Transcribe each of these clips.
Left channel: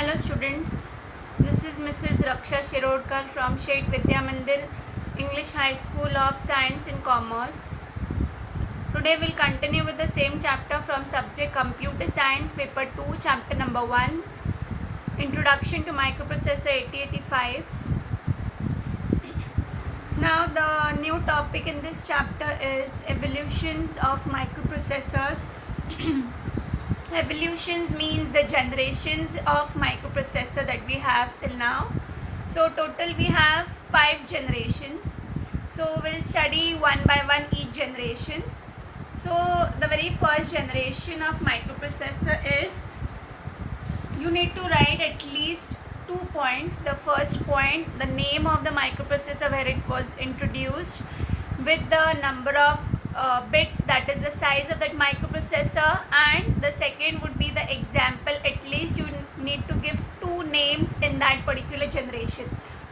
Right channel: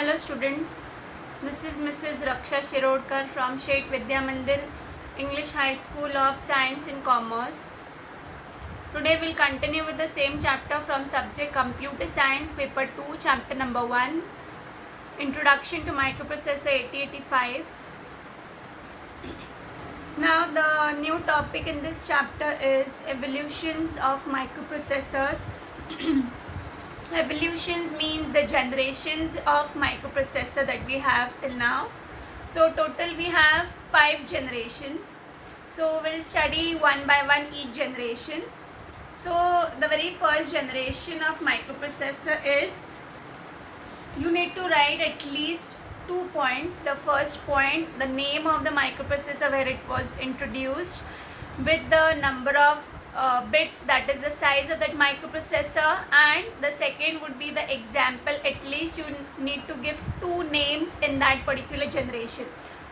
Hello students, this is Mrs. Raksha Shirodkar from Shet Vidya Mandir English High School of Science and Commerce. Today we'll continue with the same chapter from subject Computer Science paper 2 chapter number 1 Introduction to Microprocessor 8085. Now the new topic in this chapter is evolutions of microprocessors. Evolutions means the generations of microprocessor that we have till now. So total we have 5 generations. So we'll study one by one each generations. So the very first generation of microprocessor is, you need to write at least 2 points. The first point, the name of the microprocessor where it was introduced with the number of bits, that is the size of that microprocessor, and the second would be the example. At least you need to give 2 names in that particular generation.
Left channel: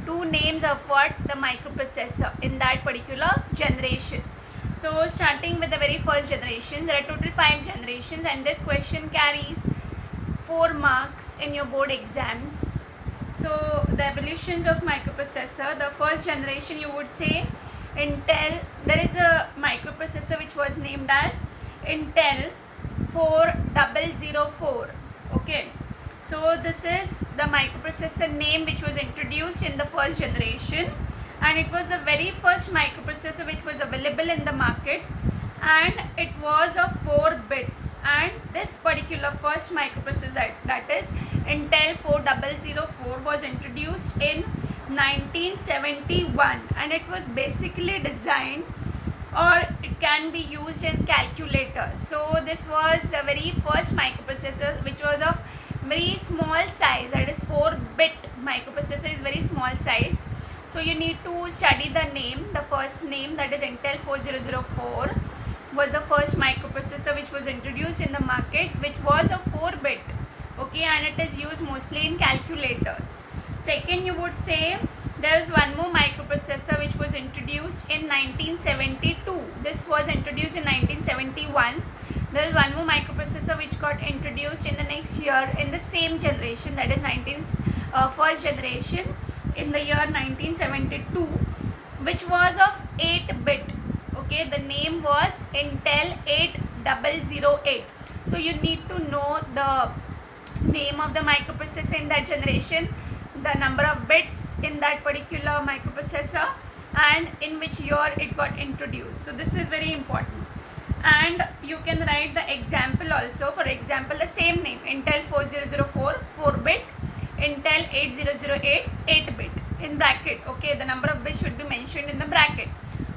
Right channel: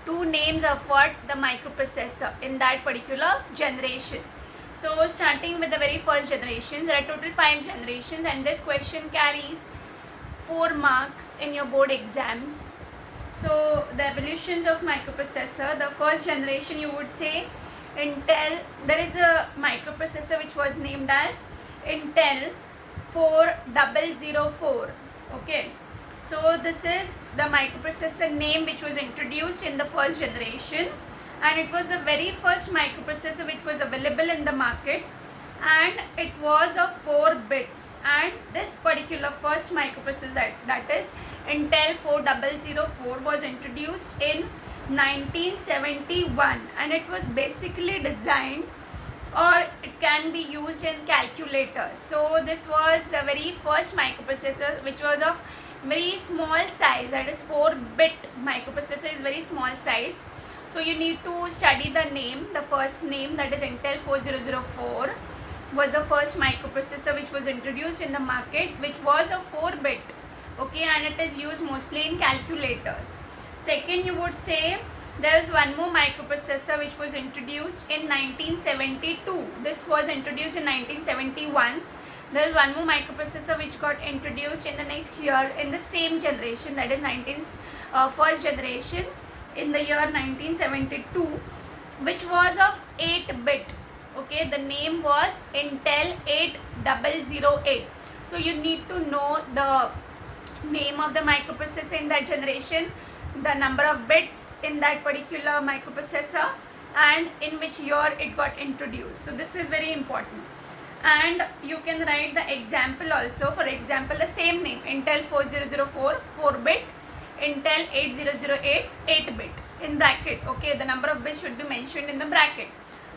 2 names of what? The microprocessor in that particular generation. So starting with the very first generation, there are total 5 generations and this question carries 4 marks in your board exams. So the evolutions of microprocessor, the first generation you would say Intel. There is a microprocessor which was named as Intel 4004. Okay, so this is the microprocessor name which was introduced in the first generation, and it was the very first microprocessor which was available in the market, and it was of 4 bits. And this particular first microprocessor, that is Intel 4004, was introduced in 1971, and it was basically designed, or it can be used in calculators. So this was the very first microprocessor which was of very small size, that is 4-bit microprocessor is very small size. So you need to study the name. The first name, that is Intel 4004, was the first microprocessor which was introduced in the market, which was a 4-bit. Okay, and it is used mostly in calculators. Second, you would say there is one more microprocessor which was introduced in 1972. This was introduced in 1971. There is one more microprocessor which got introduced in the next year in the same generation, that is first generation, in the year 1972, which was of 8-bit. Okay, the name was Intel 8008. So you need to know the name of the microprocessor in that generation, the number of bits in that particular microprocessor, and in which year it got introduced. So this is very important. And you can write the example also. For example, the same name, Intel 4004 4-bit, Intel 8008 8-bit, in bracket. Okay, the number of bits should be mentioned in the bracket.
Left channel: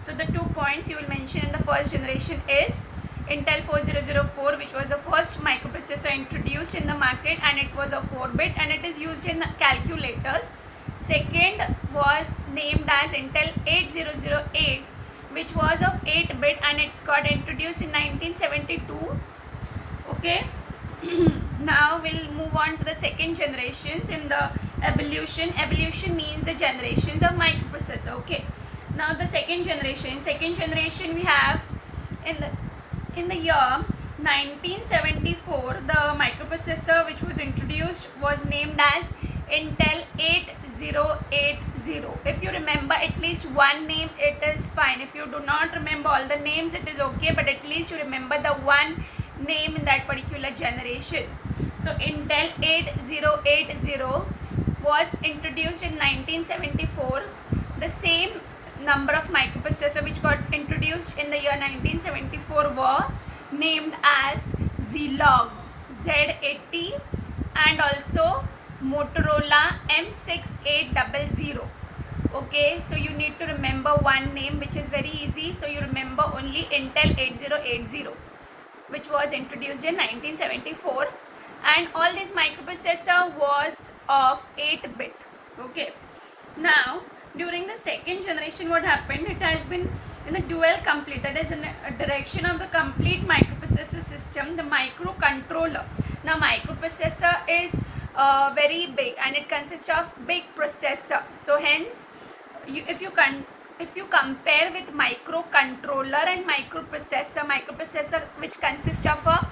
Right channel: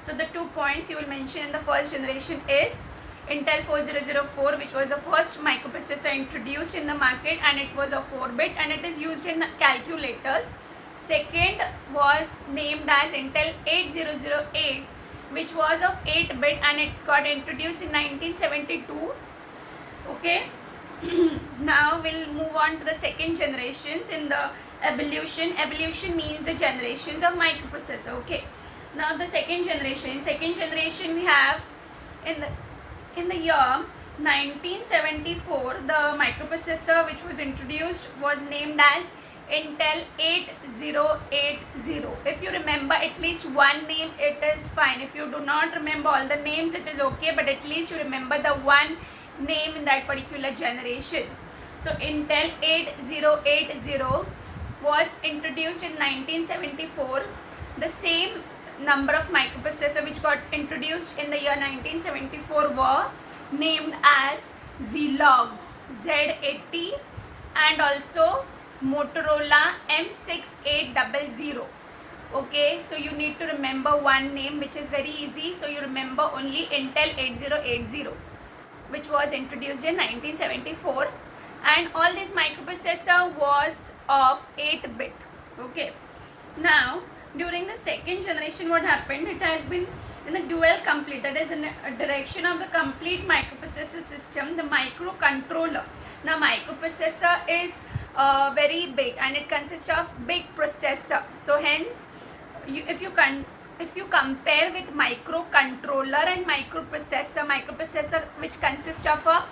So the 2 points you will mention in the first generation is Intel 4004, which was the first microprocessor introduced in the market, and it was a 4-bit and it is used in calculators. Second was named as Intel 8008, which was of 8-bit and it got introduced in 1972. Okay. Now we'll move on to the second generations in the evolution. Evolution means the generations of microprocessor. Okay. Now the second generation we have in the year 1974, the microprocessor which was introduced was named as Intel 8080. If you remember at least one name, it is fine. If you do not remember all the names, it is okay, but at least you remember the one name in that particular generation. So Intel 8080 was introduced in 1974. The same number of microprocessor which got introduced in the year 1974 were named as Zilog Z80 and also Motorola M6800. Okay, so you need to remember one name, which is very easy. So you remember only Intel 8080, which was introduced in 1974, and all this microprocessor was of 8-bit. Okay, now during the second generation, what happened? It has been in the dual complete, that is in a direction of the complete microprocessor system, the microcontroller. Now microprocessor is very big and it consists of big processor. So hence, if you compare with microcontroller and microprocessor which consists of a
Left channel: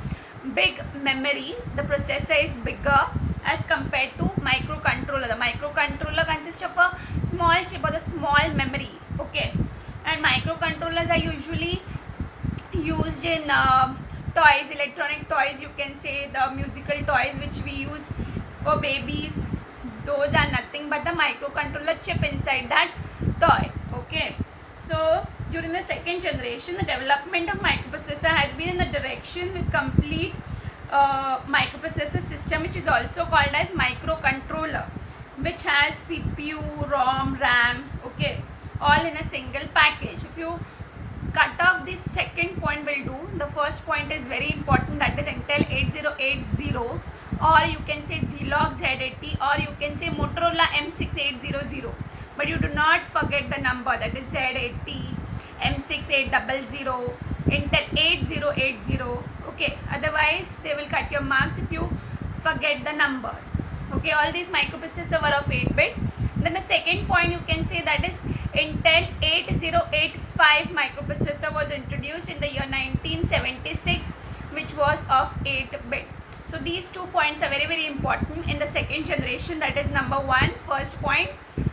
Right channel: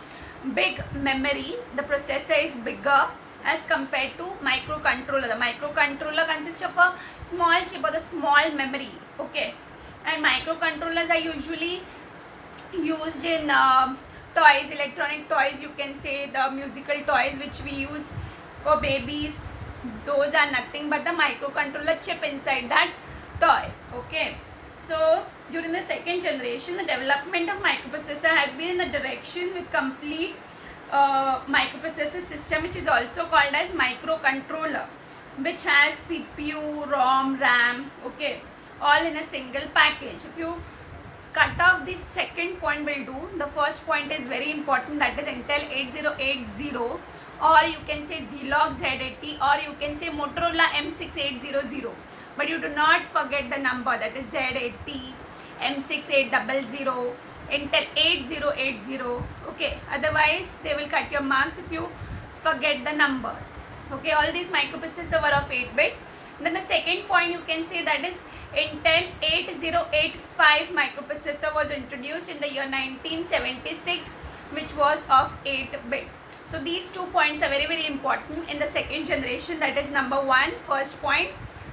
big memory, the processor is bigger, as compared to microcontroller. The microcontroller consists of a small chip or the small memory, okay, and microcontrollers are usually used in toys, electronic toys, you can say the musical toys which we use for babies. Those are nothing but the microcontroller chip inside that toy, okay. So during the second generation, the development of microprocessor has been in the direction with complete microprocessor system, which is also called as microcontroller, which has CPU, ROM, RAM, okay, all in a single package. If you cut off this second point, will do. The first point is very important, that is Intel 8080, or you can say Zilog Z80, or you can say Motorola M6800. But you do not forget the number, that is Z80, M6800, Intel 8080, okay. Otherwise they will cut your marks if you forget the numbers, okay. All these microprocessors were of 8-bit. Then the second point you can say, that is Intel 8085 microprocessor was introduced in the year 1976, which was of 8-bit. So these 2 points are very, very important in the second generation, that is number 1, first point,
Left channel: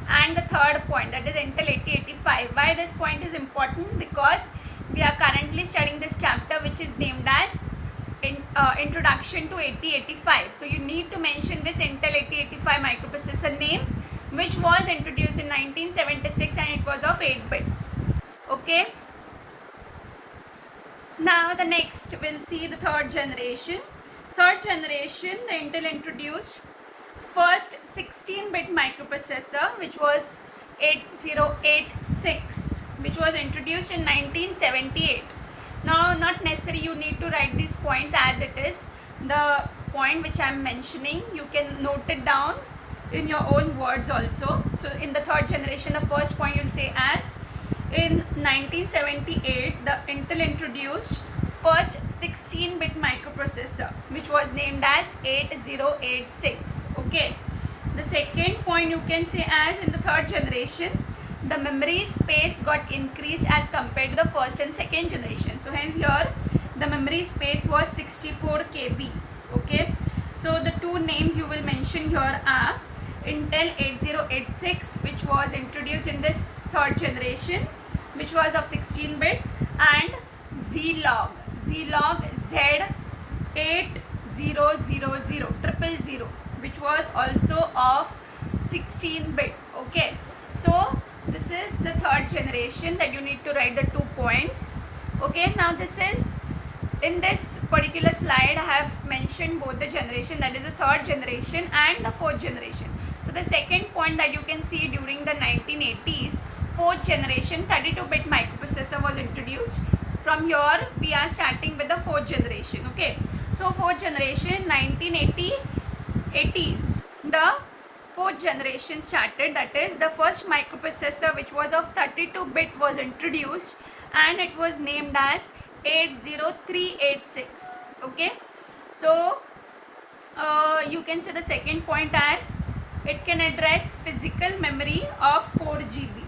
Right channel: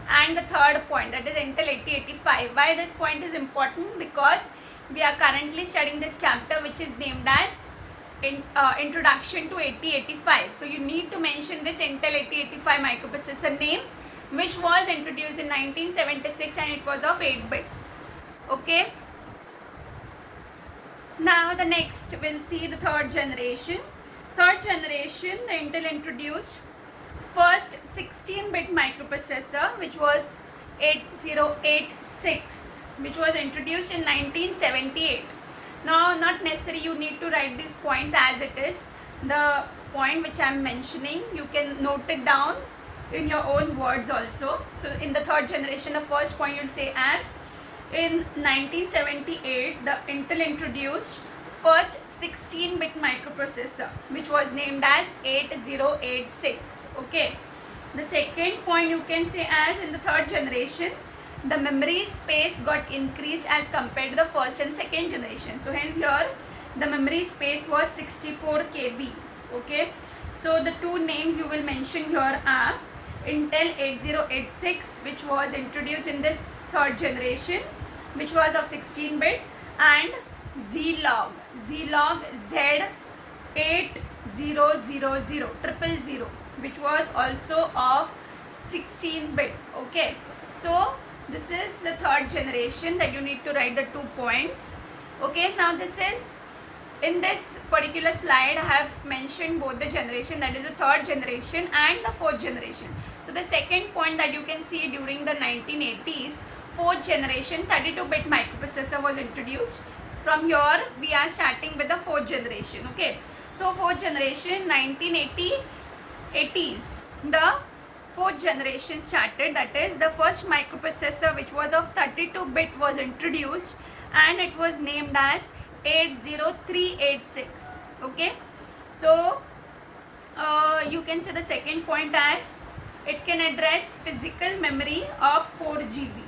and the third point, that is Intel 8085. Why this point is important? Because we are currently studying this chapter which is named as Introduction to 8085. So you need to mention this Intel 8085 microprocessor name, which was introduced in 1976 and it was of 8-bit, okay. Now the next we'll see the third generation. Third generation, the Intel introduced first 16-bit microprocessor, which was 8086, which was introduced in 1978. Now not necessary you need to write these points as it is. The point which I am mentioning, you can note it down in your own words also. So in the third generation, the first point you'll say as in 1978 the Intel introduced first 16-bit microprocessor, which was named as 8086, okay. The second point you can say as in the third generation, the memory space got increased as compared to the first and second generation. So hence here the memory space was 64 KB, okay. So the two names you will mention here are Intel 8086, which was introduced in this third generation, which was of 16-bit, and Zilog Z8000, which was also of 16-bit, okay. So this is the third generation that you need to write the 2 points, okay. Now this is, in this particular slide I have mentioned both the generation, that is the third generation and the fourth generation. So the second point that you can see, during the 1980s, fourth generation 32-bit microprocessor was introduced. From here we are starting with the fourth generation, okay. So fourth generation 1980s, the fourth generation started, that is the first microprocessor which was of 32-bit was introduced and it was named as 80386, okay. So you can say the second point as it can address physical memory of 4 GB.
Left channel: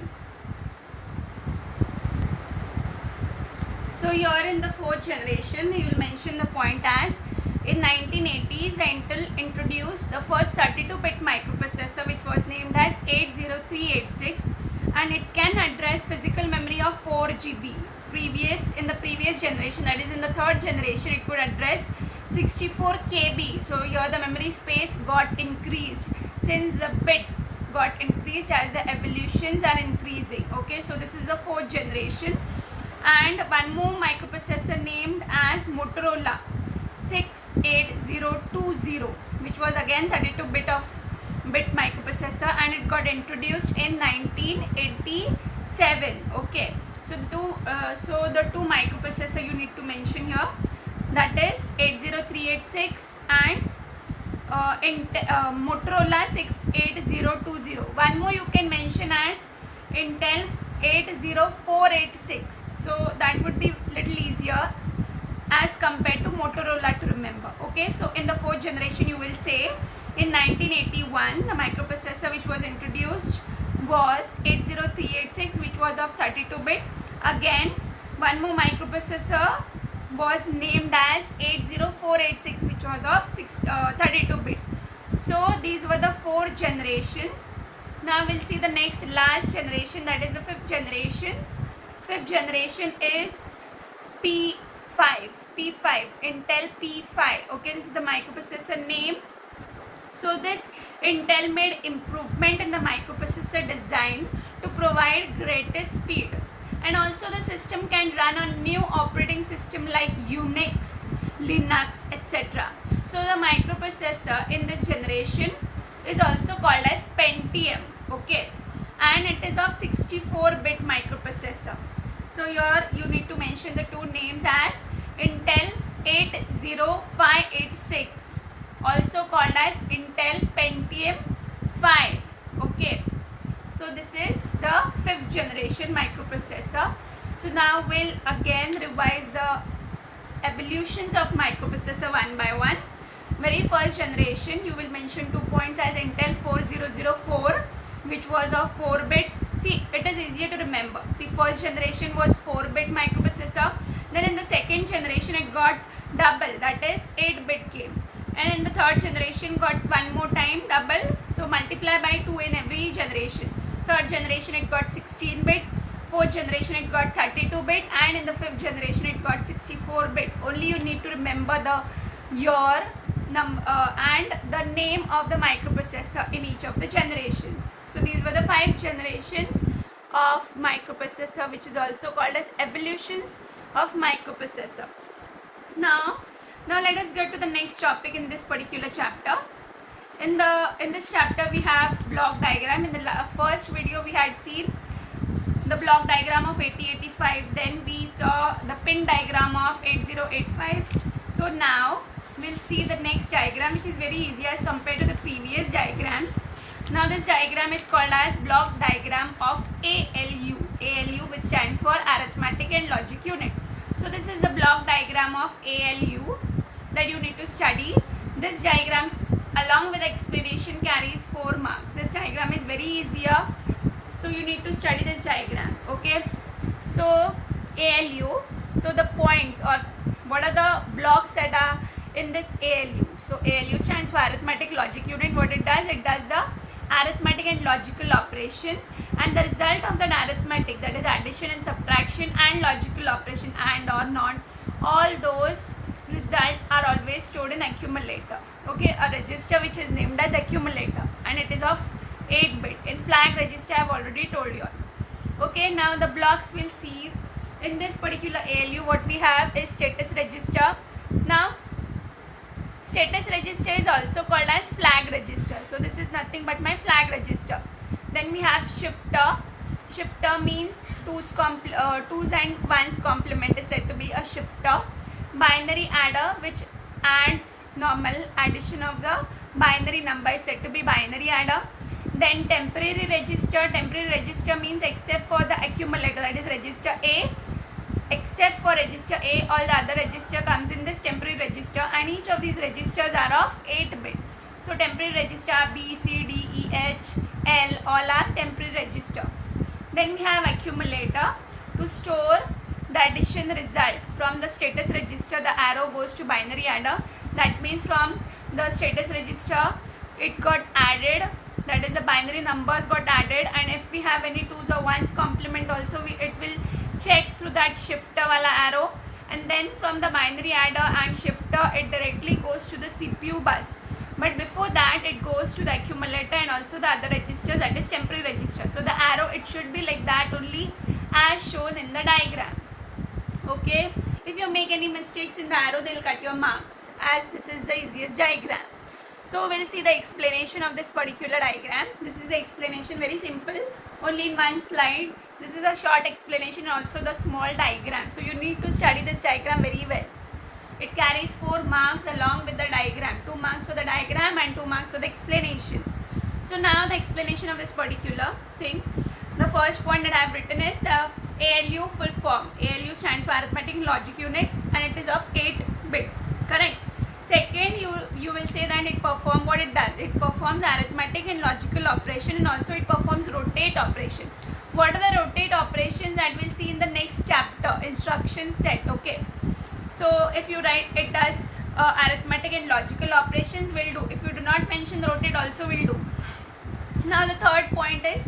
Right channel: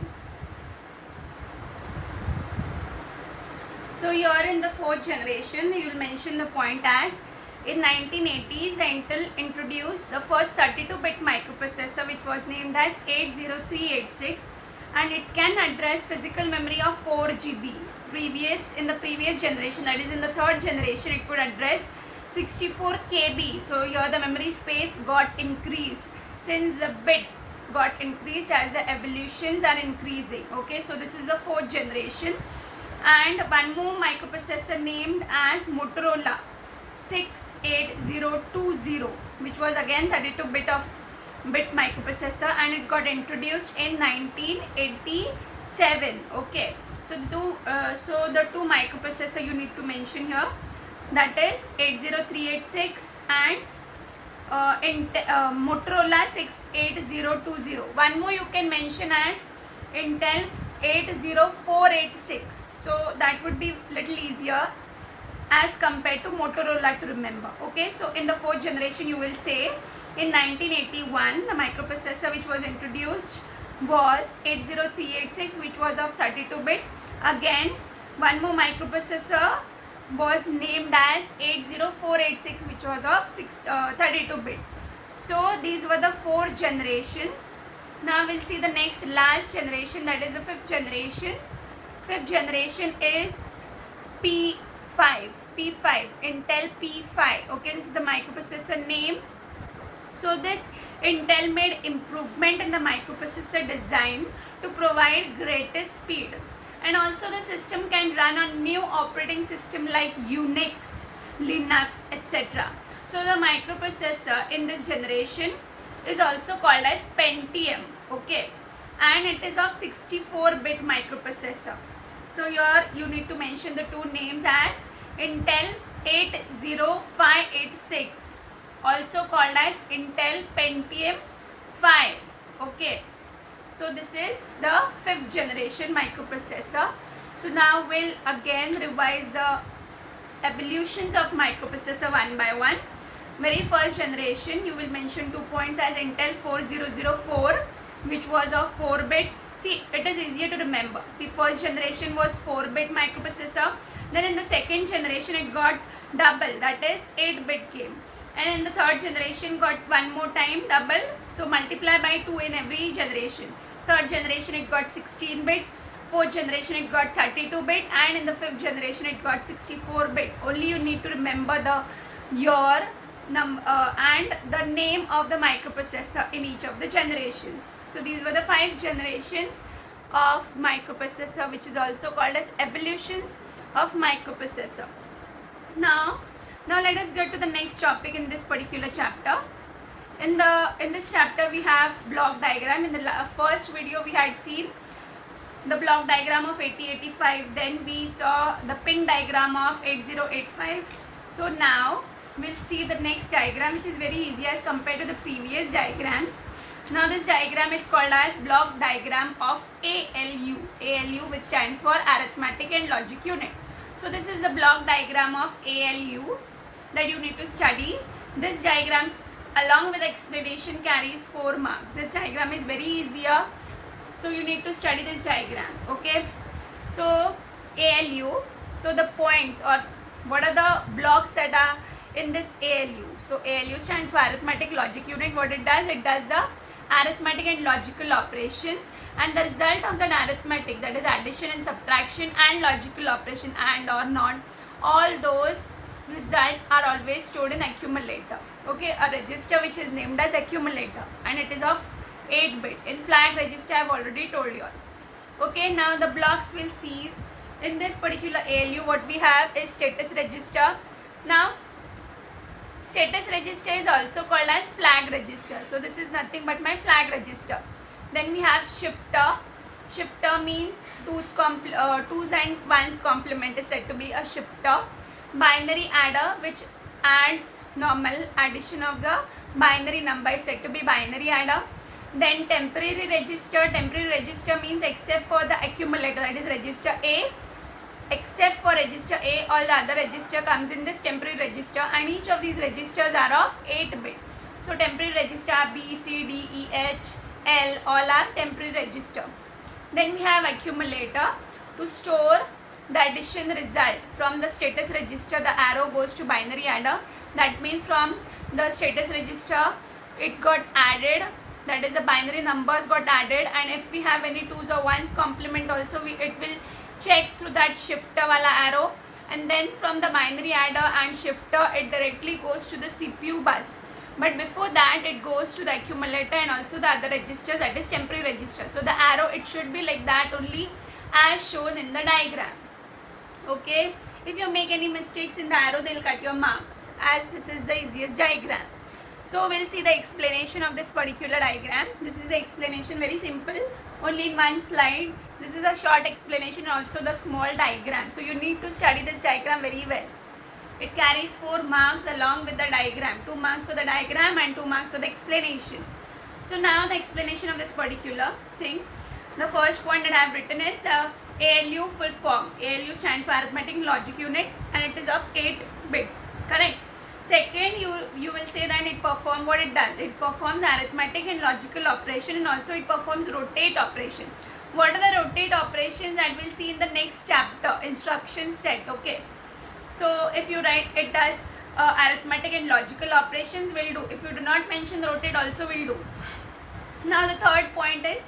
So here in the fourth generation you will mention the point as in 1980s the Intel introduced the first 32-bit microprocessor which was named as 80386 and it can address physical memory of 4 GB. In the previous generation, that is in the third generation, it could address 64 KB. So here the memory space got increased since the bits got increased as the evolutions are increasing, okay. So this is the fourth generation. And one more microprocessor named as Motorola 68020, which was again 32-bit microprocessor and it got introduced in 1987, okay. So the two microprocessor you need to mention here, that is 80386 and Motorola 68020. One more you can mention as Intel 80486. So that would be little easier as compared to Motorola to remember, okay. So in the fourth generation you will say in 1981 the microprocessor which was introduced was 80386, which was of 32-bit. Again one more microprocessor was named as 80486, which was of 32-bit. So these were the 4 generations. Now we'll see the next last generation, that is the 5th generation. 5th generation is P5. P5, Intel P5. Okay, this is the microprocessor name. So this Intel made improvement in the microprocessor design to provide greater speed, and also the system can run on new operating system like Unix, Linux, etc. So the microprocessor in this generation is also called as Pentium, okay, and it is of 64-bit microprocessor. So here you need to mention the two names as Intel 80586, also called as Intel Pentium 5, okay. So this is the 5th generation microprocessor. So now we'll again revise the evolutions of microprocessor one by one. Very first generation, you will mention 2 points as Intel 4004, which was of 4-bit. See, it is easier to remember. See, first generation was 4-bit microprocessor. Then in the second generation, it got double, that is 8-bit came. And in the third generation, got one more time double. So multiply by 2 in every generation. Third generation, it got 16-bit. Fourth generation, it got 32-bit. And in the fifth generation, it got 64-bit. Only you need to remember the year and the name of the microprocessor in each of the generations. So these were the 5 generations of microprocessor, which is also called as evolutions of microprocessor. Now let us get to the next topic in this particular chapter. In this chapter we have block diagram. In the first video we had seen the block diagram of 8085, then we saw the pin diagram of 8085. So now we'll see the next diagram, which is very easy as compared to the previous diagrams. Now this diagram is called as block diagram of ALU, which stands for arithmetic and logic unit. So this is the block diagram of ALU that you need to study. This diagram along with explanation carries 4 marks. This diagram is very easier, so you need to study this diagram, okay. So ALU, so the points or what are the blocks that are in this ALU. So ALU stands for arithmetic logic unit. What it does the arithmetic and logical operations, and the result of the arithmetic, that is addition and subtraction, and logical operation and or not, all those results are always stored in accumulator, okay, a register which is named as accumulator, and it is of 8-bit. In flag register I have already told you all, okay. Now the blocks we'll see in this particular ALU. What we have is status register. Now status register is also called as flag register. So this is nothing but my flag register. Then we have shifter. Shifter means 2's and 1's complement is said to be a shifter. Binary adder, which adds normal addition of the binary number, is said to be binary adder. Then temporary register. Temporary register means except for the accumulator, that is register A. Except for register A, all the other register comes in this temporary register, and each of these registers are of 8-bit. So temporary register B, C, D, E, H, L, all are temporary register. Then we have accumulator. To store the addition result from the status register, the arrow goes to binary adder. That means from the status register it got added, that is the binary numbers got added, and if we have any 2's or 1's complement also, it will check through that shifter wala arrow, and then from the binary adder and shifter it directly goes to the CPU bus. But before that it goes to the accumulator and also the other registers, that is temporary register. So the arrow, it should be like that only as shown in the diagram, okay. If you make any mistakes in the arrow, they will cut your marks, as this is the easiest diagram. So we'll see the explanation of this particular diagram. This is the explanation, very simple, only in one slide. This is a short explanation, also the small diagram. So you need to study this diagram very well. It carries 4 marks along with the diagram. 2 marks for the diagram and 2 marks for the explanation. So now the explanation of this particular thing. The first point that I have written is the ALU full form. ALU stands for arithmetic logic unit, and it is of 8-bit, correct. Second, you will say that it performs what it does. It performs arithmetic and logical operation, and also it performs rotate operation. What are the rotate operations that we'll see in the next chapter, instruction set, okay. So if you write, it does arithmetic and logical operations will do. If you do not mention the root, it also will do. Now the third point is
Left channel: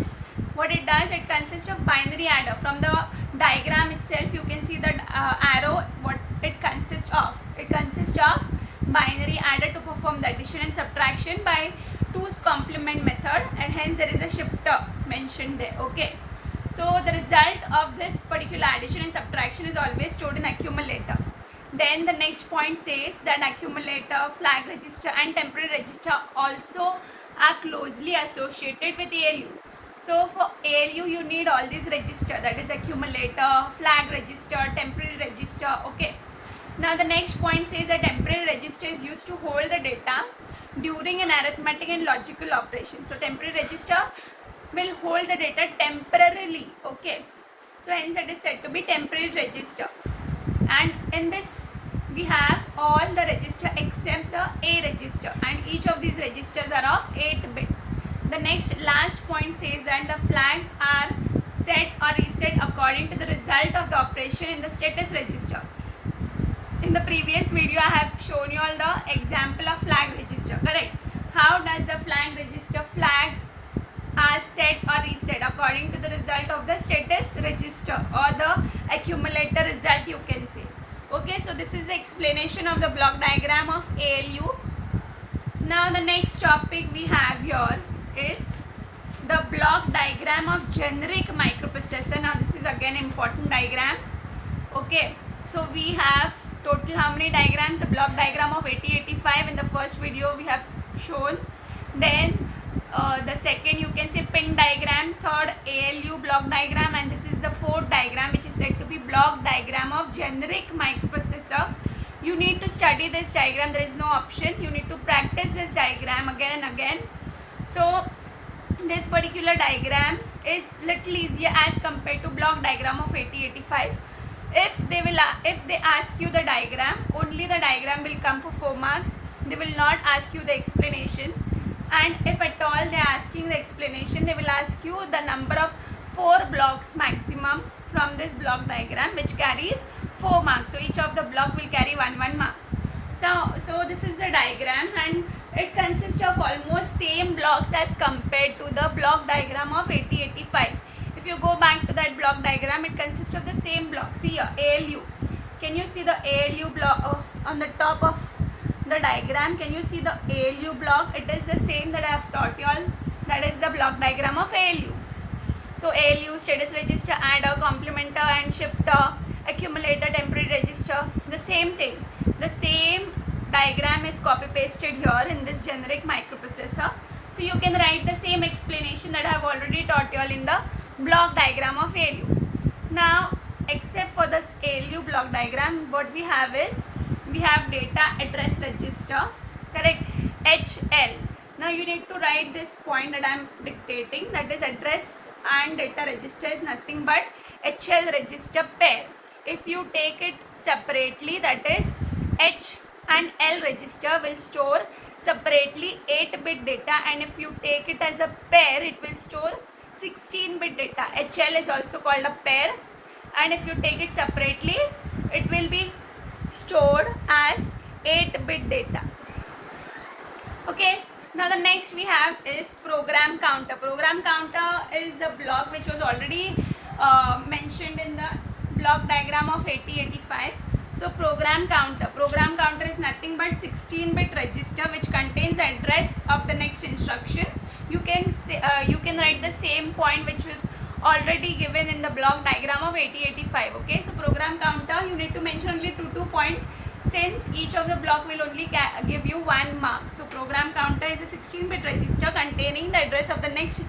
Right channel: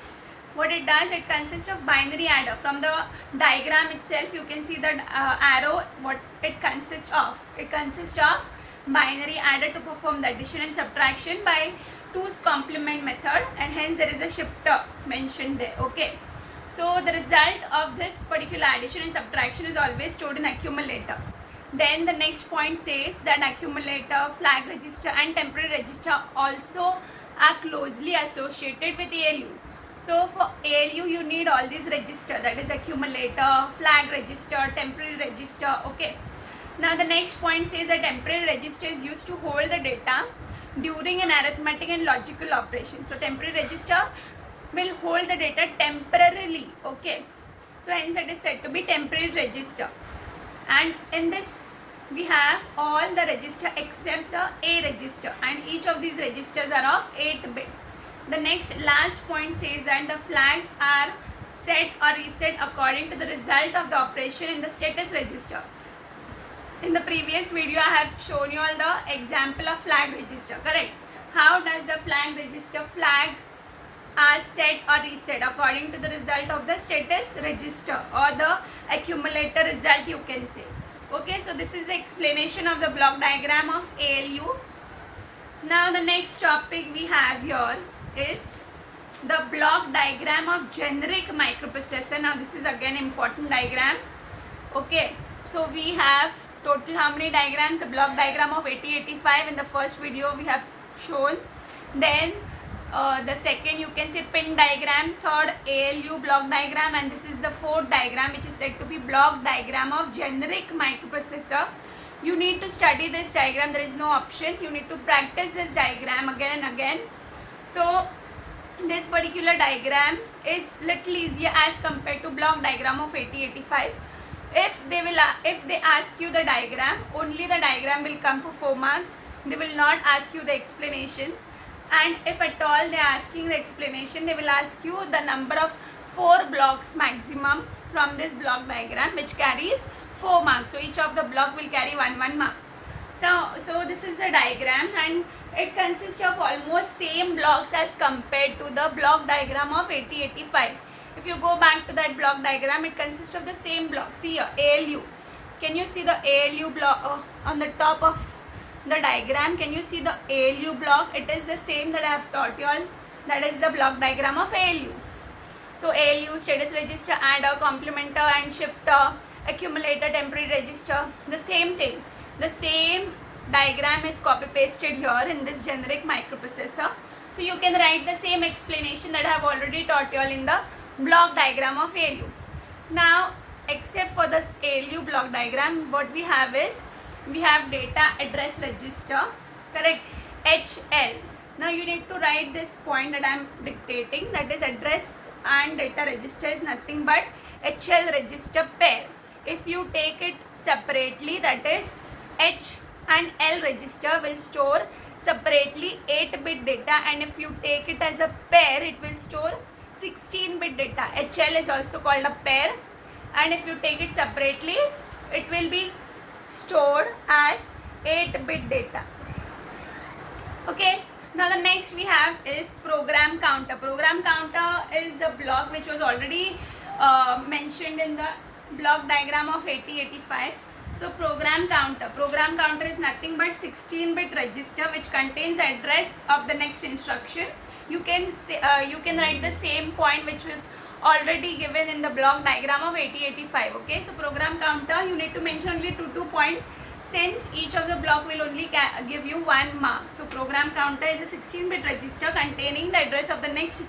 what it does. It consists of binary adder. From the diagram itself you can see that arrow, what it consists of. It consists of binary adder to perform the addition and subtraction by 2's complement method, and hence there is a shifter mentioned there. Okay, so the result of this particular addition and subtraction is always stored in accumulator. Then the next point says that accumulator, flag register and temporary register also are closely associated with ALU. So for ALU you need all these register, that is accumulator, flag register, temporary register. Okay. Now the next point says that temporary register is used to hold the data during an arithmetic and logical operation. So temporary register will hold the data temporarily. Okay. So hence it is said to be temporary register. And in this we have all the register except the A register, and each of these registers are of 8 bit. The next last point says that the flags are set or reset according to the result of the operation in the status register. In the previous video I have shown you all the example of flag register, correct? How does the flag register flag are set or reset according to the result of the status register or the accumulator result, you can say. Okay, so this is the explanation of the block diagram of ALU. Now the next topic we have here is the block diagram of generic microprocessor. Now this is again important diagram. Okay, so we have total how many diagrams? The block diagram of 8085 in the first video we have shown. Then the second you can say pin diagram, third ALU block diagram, and this is the fourth diagram which is said to be block diagram of generic microprocessor. You need to study this diagram, there is no option. You need to practice this diagram again and again. So this particular diagram is little easier as compared to block diagram of 8085. If they ask you the diagram, only the diagram will come for 4 marks. They will not ask you the explanation. And if at all they are asking the explanation, they will ask you the number of 4 blocks maximum from this block diagram, which carries 4 marks. So each of the block will carry 1 mark. So this is the diagram, and it consists of almost same blocks as compared to the block diagram of 8085. If you go back to that block diagram, it consists of the same block. See here, ALU. Can you see the ALU block on the top of the diagram? Can you see the ALU block? It is the same that I have taught you all. That is the block diagram of ALU. So ALU, status register, adder, complementer and shifter, accumulator, temporary register, the same thing. The same diagram is copy pasted here in this generic microprocessor. So you can write the same explanation that I have already taught you all in the block diagram of ALU. Now except for this ALU block diagram, what we have is we have data address register, correct, HL. Now you need to write this point that I am dictating, that is address and data register is nothing but HL register pair. If you take it separately, that is H and L register will store separately 8-bit data, and if you take it as a pair, it will store 16-bit data. HL is also called a pair, and if you take it separately, it will be stored as 8-bit data. Okay, now the next we have is program counter. Program counter is a block which was already mentioned in the block diagram of 8085. So program counter is nothing but 16-bit register which contains the address of the next instruction. You can say, you can write the same point which was already given in the block diagram of 8085. Okay, so program counter you need to mention only 2 points, since each of the block will only give you 1 mark. So program counter is a 16-bit register containing the address of the next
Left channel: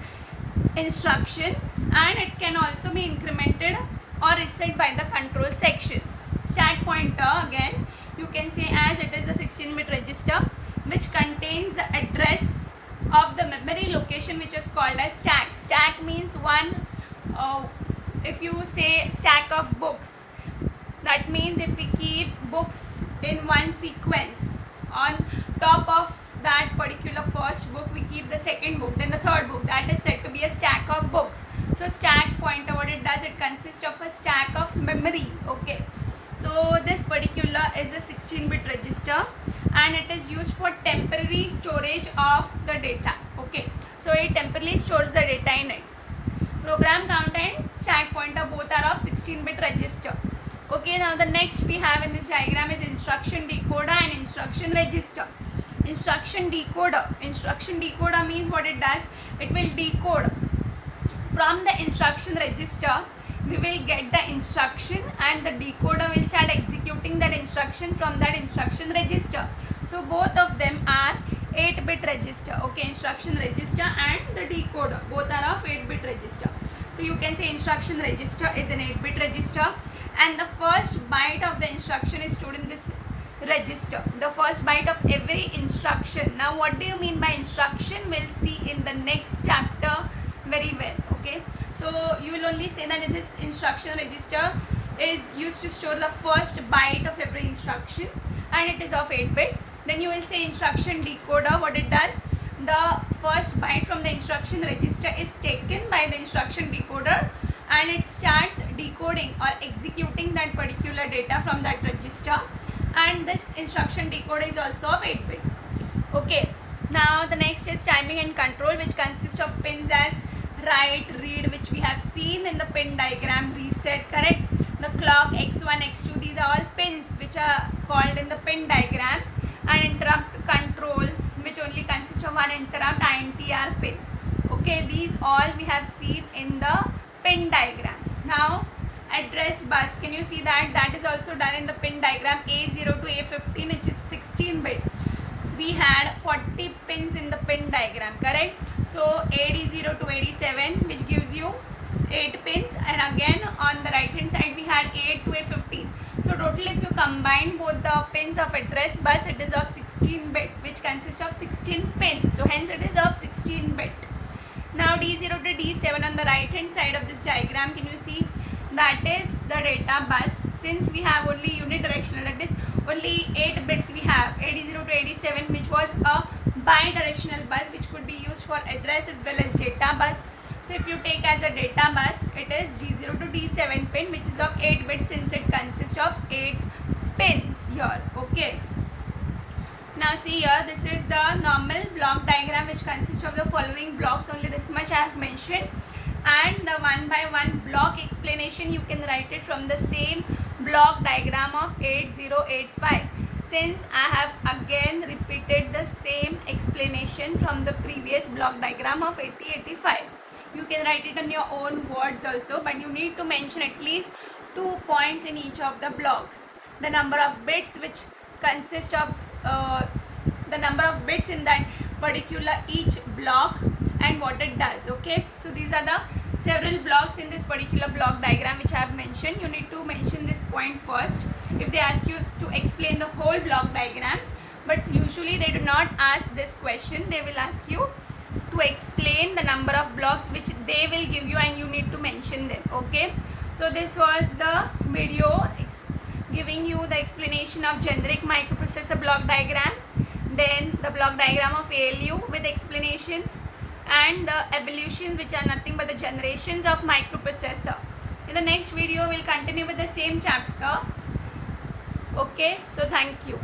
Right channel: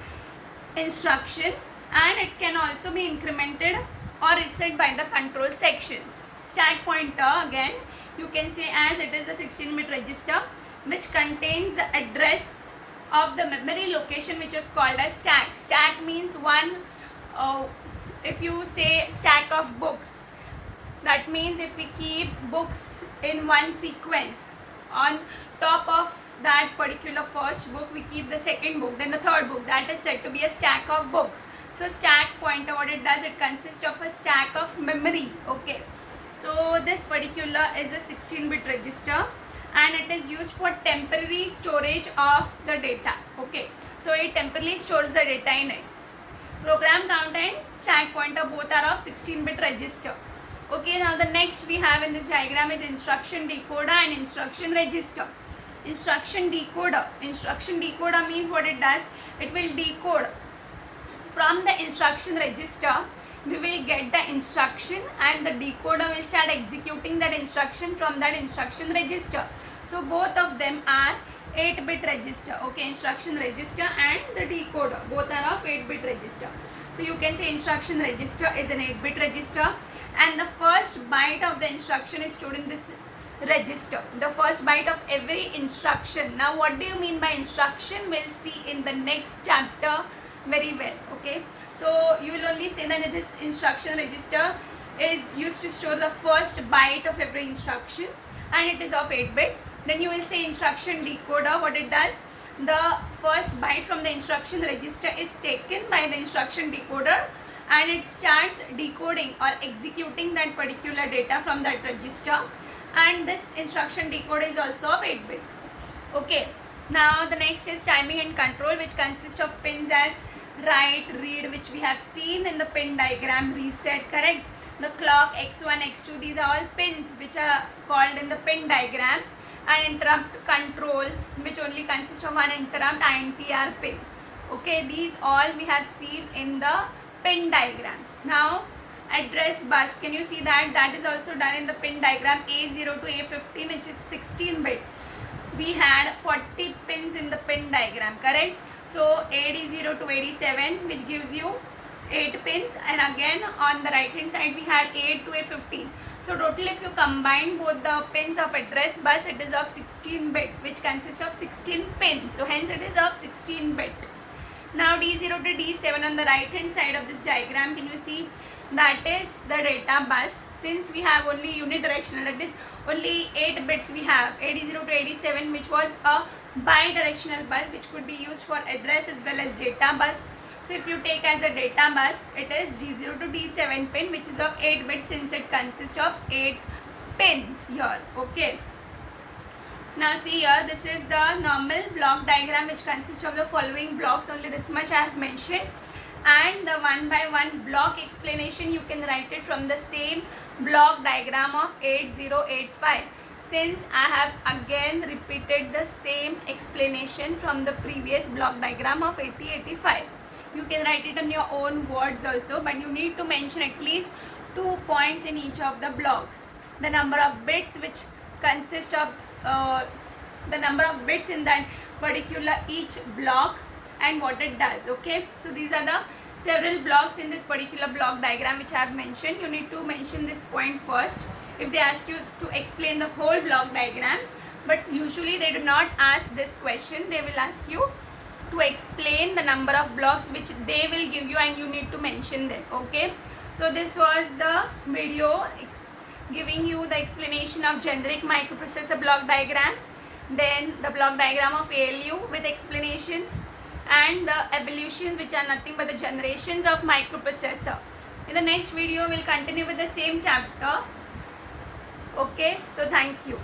instruction, and it can also be incremented or reset by the control section. Stack pointer, again you can say as it is a 16-bit register which contains the address of the memory location which is called as stack. Stack means one, if you say stack of books, that means if we keep books in one sequence, on top of that particular first book we keep the second book, then the third book, that is said to be a stack of books. So stack pointer, what it does, it consists of a stack of memory. Okay, So this particular is a 16-bit register and it is used for temporary storage of the data. Okay, so it temporarily stores the data in it. Program counter and stack pointer both are of 16-bit register. Okay, now the next we have in this diagram is instruction decoder and instruction register. Instruction decoder means what it does, it will decode from the instruction register. We will get the instruction and the decoder will start executing that instruction from that instruction register. So both of them are 8-bit register. Okay, instruction register and the decoder both are of 8-bit register. So you can say instruction register is an 8-bit register and the first byte of the instruction is stored in this register. The first byte of every instruction. Now what do you mean by instruction? We'll see in the next chapter very well. Okay, so you will only say that this instruction register is used to store the first byte of every instruction and it is of 8-bit. Then you will say instruction decoder. What it does, the first byte from the instruction register is taken by the instruction decoder and it starts decoding or executing that particular data from that register, and this instruction decoder is also of 8-bit. Okay, now the next is timing and control, which consists of pins as write, read, which we have seen in the pin diagram, reset, correct? The clock, x1, x2, these are all pins which are called in the pin diagram, and interrupt control, which only consists of one interrupt, INTR pin. Okay, these all we have seen in the pin diagram. Now address bus, can you see that? That is also done in the pin diagram, A0 to A15, which is 16-bit. We had 40 pins in the pin diagram, correct? So AD0 to AD7, which gives you 8 pins, and again on the right hand side we had 8 to A15. So total, if you combine both the pins of address bus, it is of 16-bit, which consists of 16 pins. So hence it is of 16-bit. Now D0 to D7 on the right hand side of this diagram, can you see? That is the data bus. Since we have only unidirectional, that is only 8 bits we have, AD0 to AD7, which was a bidirectional bus which could be used for address as well as data bus. So if you take as a data bus, it is D0 to D7 pin, which is of 8 bits since it consists of 8 pins here. Okay. Now see here, this is the normal block diagram which consists of the following blocks. Only this much I have mentioned. And the one by one block explanation, you can write it from the same block diagram of 8085. Since I have again repeated the same explanation from the previous block diagram of 8085. You can write it in your own words also, but you need to mention at least 2 points in each of the blocks. The number of bits which consist of the number of bits in that particular each block and what it does. Okay, so these are the several blocks in this particular block diagram which I have mentioned. You need to mention this point first if they ask you to explain the whole block diagram, but usually they do not ask this question. They will ask you to explain the number of blocks which they will give you and you need to mention them. Okay, so this was the video giving you the explanation of generic microprocessor block diagram, then the block diagram of ALU with explanation, and the evolutions, which are nothing but the generations of microprocessor. In the next video, we'll continue with the same chapter. Okay, so thank you.